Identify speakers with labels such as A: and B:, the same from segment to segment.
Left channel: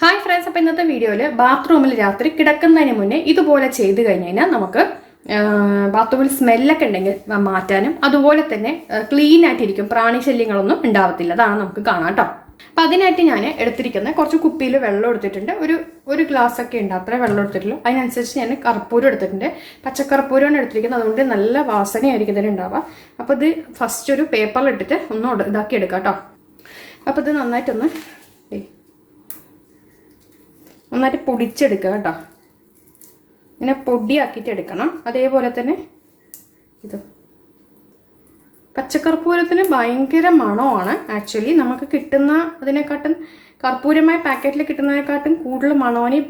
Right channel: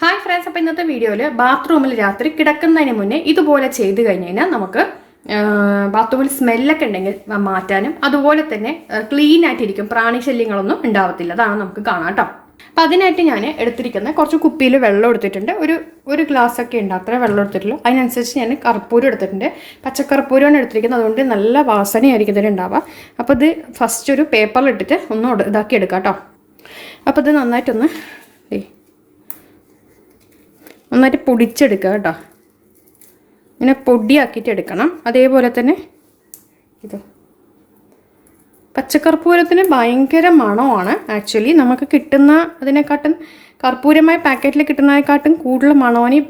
A: Hi friends അപ്പോൾ ഇന്നത്തെ വീഡിയോയിൽ ബാത്റൂമിൽ രാത്രി കിടക്കുന്നതിന് മുന്നേ ഇതുപോലെ ചെയ്ത് കഴിഞ്ഞ് കഴിഞ്ഞാൽ നമുക്ക് ബാത്റൂമിൽ സ്മെല്ലൊക്കെ ഉണ്ടെങ്കിൽ മാറ്റാനും അതുപോലെ തന്നെ ക്ലീൻ ആയിട്ടിരിക്കും. പ്രാണിശല്യങ്ങളൊന്നും ഉണ്ടാവത്തില്ല. അതാണ് നമുക്ക് കാണാം കേട്ടോ അപ്പം അതിനായിട്ട് ഞാൻ എടുത്തിരിക്കുന്ന കുറച്ച് കുപ്പിയിൽ വെള്ളം എടുത്തിട്ടുണ്ട്. ഒരു ഒരു ഗ്ലാസ് ഒക്കെ ഉണ്ട്. അത്ര വെള്ളം എടുത്തിട്ടുള്ളൂ. അതിനനുസരിച്ച് ഞാൻ കർപ്പൂരം എടുത്തിട്ടുണ്ട്. പച്ചക്കർപ്പൂരമാണ് എടുത്തിരിക്കുന്നത്. അതുകൊണ്ട് നല്ല വാസനയായിരിക്കും ഇതിന് ഉണ്ടാവുക. അപ്പോൾ ഇത് ഫസ്റ്റ് ഒരു പേപ്പറിലിട്ടിട്ട് ഒന്ന് ഇതാക്കി എടുക്കാം കേട്ടോ അപ്പോൾ ഇത് നന്നായിട്ടൊന്ന് നന്നായിട്ട് പൊടിച്ചെടുക്കുക കേട്ടോ. ഇങ്ങനെ പൊടിയാക്കിയിട്ട് എടുക്കണം. അതേപോലെ തന്നെ ഇത് പച്ചക്കർപ്പൂരത്തിന് ഭയങ്കര മണമാണ്. ആക്ച്വലി നമുക്ക് കിട്ടുന്ന അതിനെക്കാട്ടും കർപ്പൂരമായ പാക്കറ്റിൽ കിട്ടുന്നതിനെക്കാട്ടും കൂടുതൽ മണമാണ് ഈ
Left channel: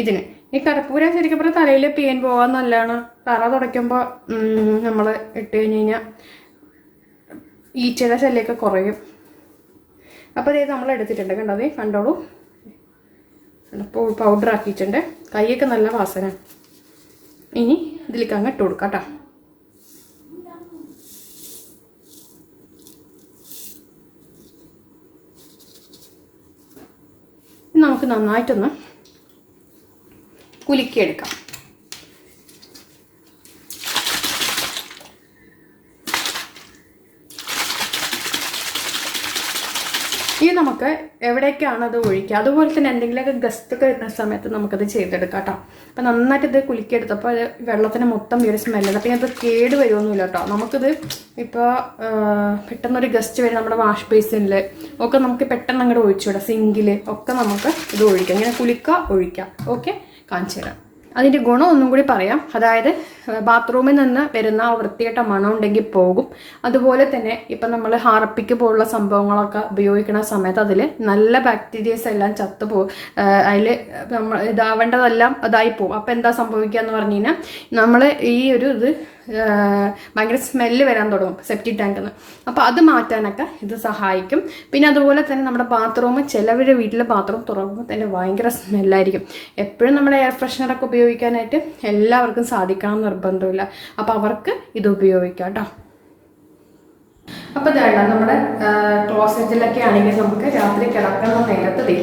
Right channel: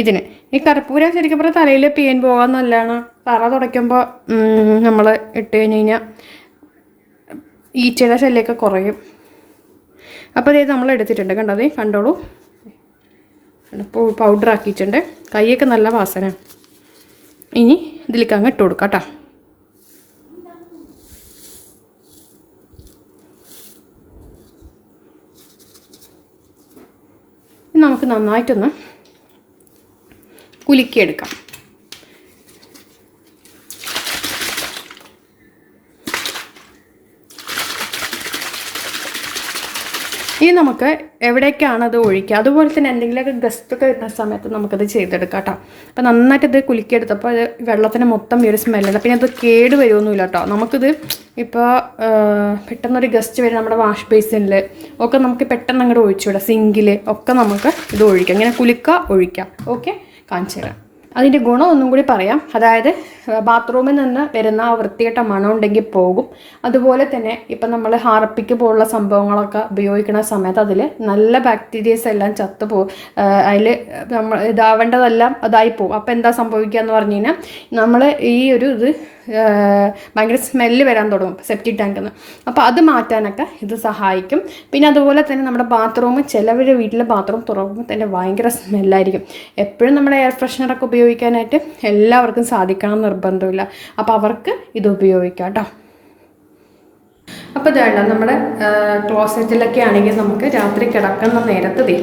A: ഇതിന്. ഈ കർപ്പൂരം ശരിക്കും പറഞ്ഞാൽ തലയിൽ പെയിൻ നല്ലതാണ്. തറ തുടയ്ക്കുമ്പോൾ നമ്മൾ ഇട്ട് കഴിഞ്ഞ് കഴിഞ്ഞാൽ ഈച്ചയുടെ ശല്യമൊക്കെ കുറയും. അപ്പോൾ ഇത് നമ്മൾ എടുത്തിട്ടുണ്ട് കണ്ടോ? ദേ പൗഡർ ആക്കിയിട്ടുണ്ട്. കൈയൊക്കെ നല്ല വാസന. ഇനി ഇതിലേക്ക് അങ്ങ് ഇട്ട് കൊടുക്കാം കേട്ടോ. നമുക്ക് നന്നായിട്ടൊന്ന് കുലുക്കിയെടുക്കാം. ഇനി നമുക്ക് എവിടേക്കാണ് അത് ഒഴിക്കുക? അതുപോലെ തന്നെ എന്തെങ്കിലുമൊക്കെ ഗസ്റ്റൊക്കെ വരുന്ന സമയത്ത് നമുക്കത് ചെയ്തെടുക്കാം കേട്ടോ. അപ്പം നന്നായിട്ട് ഇത് കുലുക്കിയെടുത്തപ്പോൾ അത് വെള്ളത്തിന് മൊത്തം ഈ ഒരു സ്മെല്ലുണ്ട് പിന്നെ അത് കേട് വരുമൊന്നുമില്ല കേട്ടോ. നമുക്കിത് ഇപ്പോൾ പെട്ടെന്നൊരു ഗസ്റ്റ് വരും നമ്മുടെ വാഷ് ബേസിനിൽ ഒക്കെ നമുക്ക് പെട്ടെന്ന് അങ്ങോട്ട് ഒഴിച്ചു വിടാം സിങ്കിൽ ഒക്കെ നമുക്ക് ഇത് ഒഴിക്കാം. ഇങ്ങനെ കുലുക്കുക ഒഴിക്കാം. ഓക്കെ കാണിച്ചു തരാം അതിന്റെ ഗുണം ഒന്നും കൂടി പറയാം. അതായത് ബാത്റൂമിൽ നിന്ന് വരുന്ന ആ വൃത്തികെട്ട മണം ഉണ്ടെങ്കിൽ പോകും. അതുപോലെ തന്നെ ഇപ്പം നമ്മൾ ഹാർപ്പിക്ക് പോലുള്ള സംഭവങ്ങളൊക്കെ ഉപയോഗിക്കുന്ന സമയത്ത് അതിൽ നല്ല ബാക്ടീരിയസ് എല്ലാം ചത്തു പോകും. അതിൽ നമ്മൾ ഇതാവേണ്ടതെല്ലാം അതായി പോകും. അപ്പോൾ എന്താ സംഭവിക്കുക എന്ന് പറഞ്ഞു കഴിഞ്ഞാൽ നമ്മൾ ഈ ഒരു ഇത് ഭയങ്കര സ്മെല്ല് വരാൻ തുടങ്ങും സെപ്റ്റിക് ടാങ്കിൽ നിന്ന് അപ്പോൾ അത് മാറ്റാനൊക്കെ ഇത് സഹായിക്കും. പിന്നെ അതുപോലെ തന്നെ നമ്മുടെ ബാത്റൂം ചിലവരുടെ വീട്ടിലെ ബാത്റൂം തുറക്കുമ്പോൾ തന്നെ ഭയങ്കര സ്മെല്ലായിരിക്കും എപ്പോഴും നമ്മുടെ എയർ ഫ്രഷ്നറൊക്കെ ഉപയോഗിക്കാനായിട്ട് എല്ലാവർക്കും സാധിക്കണം നിർബന്ധമില്ല. അപ്പോൾ അവർക്ക് ഇത് ഉപയോഗിക്കാം കേട്ടോ അപ്പോൾ ഇതാണ് നമ്മുടെ ക്ലോസറ്റിലൊക്കെ ആണെങ്കിൽ നമുക്ക് രാത്രി കിടക്കുന്ന നേരത്ത് ദേ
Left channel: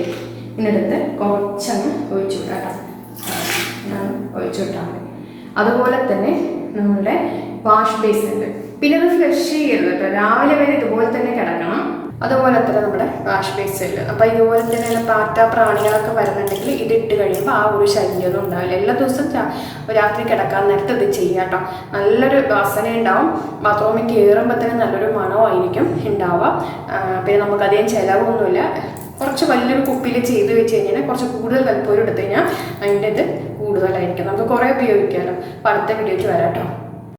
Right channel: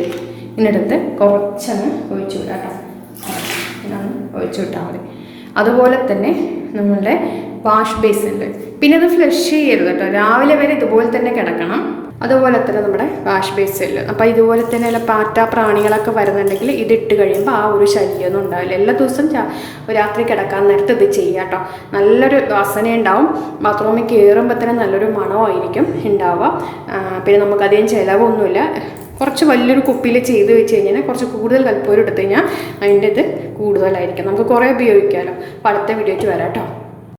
A: ഇതിനടുത്ത് കുറച്ചങ്ങ് ഒഴിച്ചു വിടാം ഒഴിച്ചു വിട്ടാൽ മതി. അതുപോലെ തന്നെ നമ്മളുടെ വാഷ് ബേസിന്റെ പിന്നെ അത് ഫ്ലഷ് ചെയ്യരുത് കേട്ടോ. രാവിലെ വരെ ഇതുപോലെ തന്നെ കിടക്കണം. അതുപോലെ തന്നെ നമ്മുടെ വാഷ് ബേസിൽ അപ്പോൾ ഇതുപോലെ തന്നെ എല്ലാം പാറ്റ പ്രാണികളൊക്കെ വരുന്നുണ്ടെങ്കിൽ ഇതിട്ട് കഴിയുമ്പോൾ ആ ഒരു ശല്യമൊന്നും ഉണ്ടാവില്ല. എല്ലാ ദിവസവും രാത്രി കിടക്കാൻ നേരത്ത് ഇത് ചെയ്യാം കേട്ടോ. നല്ലൊരു വാസന ഉണ്ടാവും. ബാത്റൂമിൽ കയറുമ്പോൾ തന്നെ നല്ലൊരു മണമായിരിക്കും ഉണ്ടാവുക. പിന്നെ നമുക്കധികം ചിലവൊന്നുമില്ല. കുറച്ച് വലിയൊരു കുപ്പിയിൽ ചെയ്ത് വെച്ച് കഴിഞ്ഞാൽ കുറച്ച് കൂടുതൽ കൽപ്പൂരം എടുത്തു കഴിഞ്ഞാൽ അതിന്റെ ഇത് കൂടുതലായിരിക്കും. നമുക്ക് കുറേ ഉപയോഗിക്കാമല്ലോ അപ്പോൾ അടുത്ത വീഡിയോയ്ക്ക് വരാം കേട്ടോ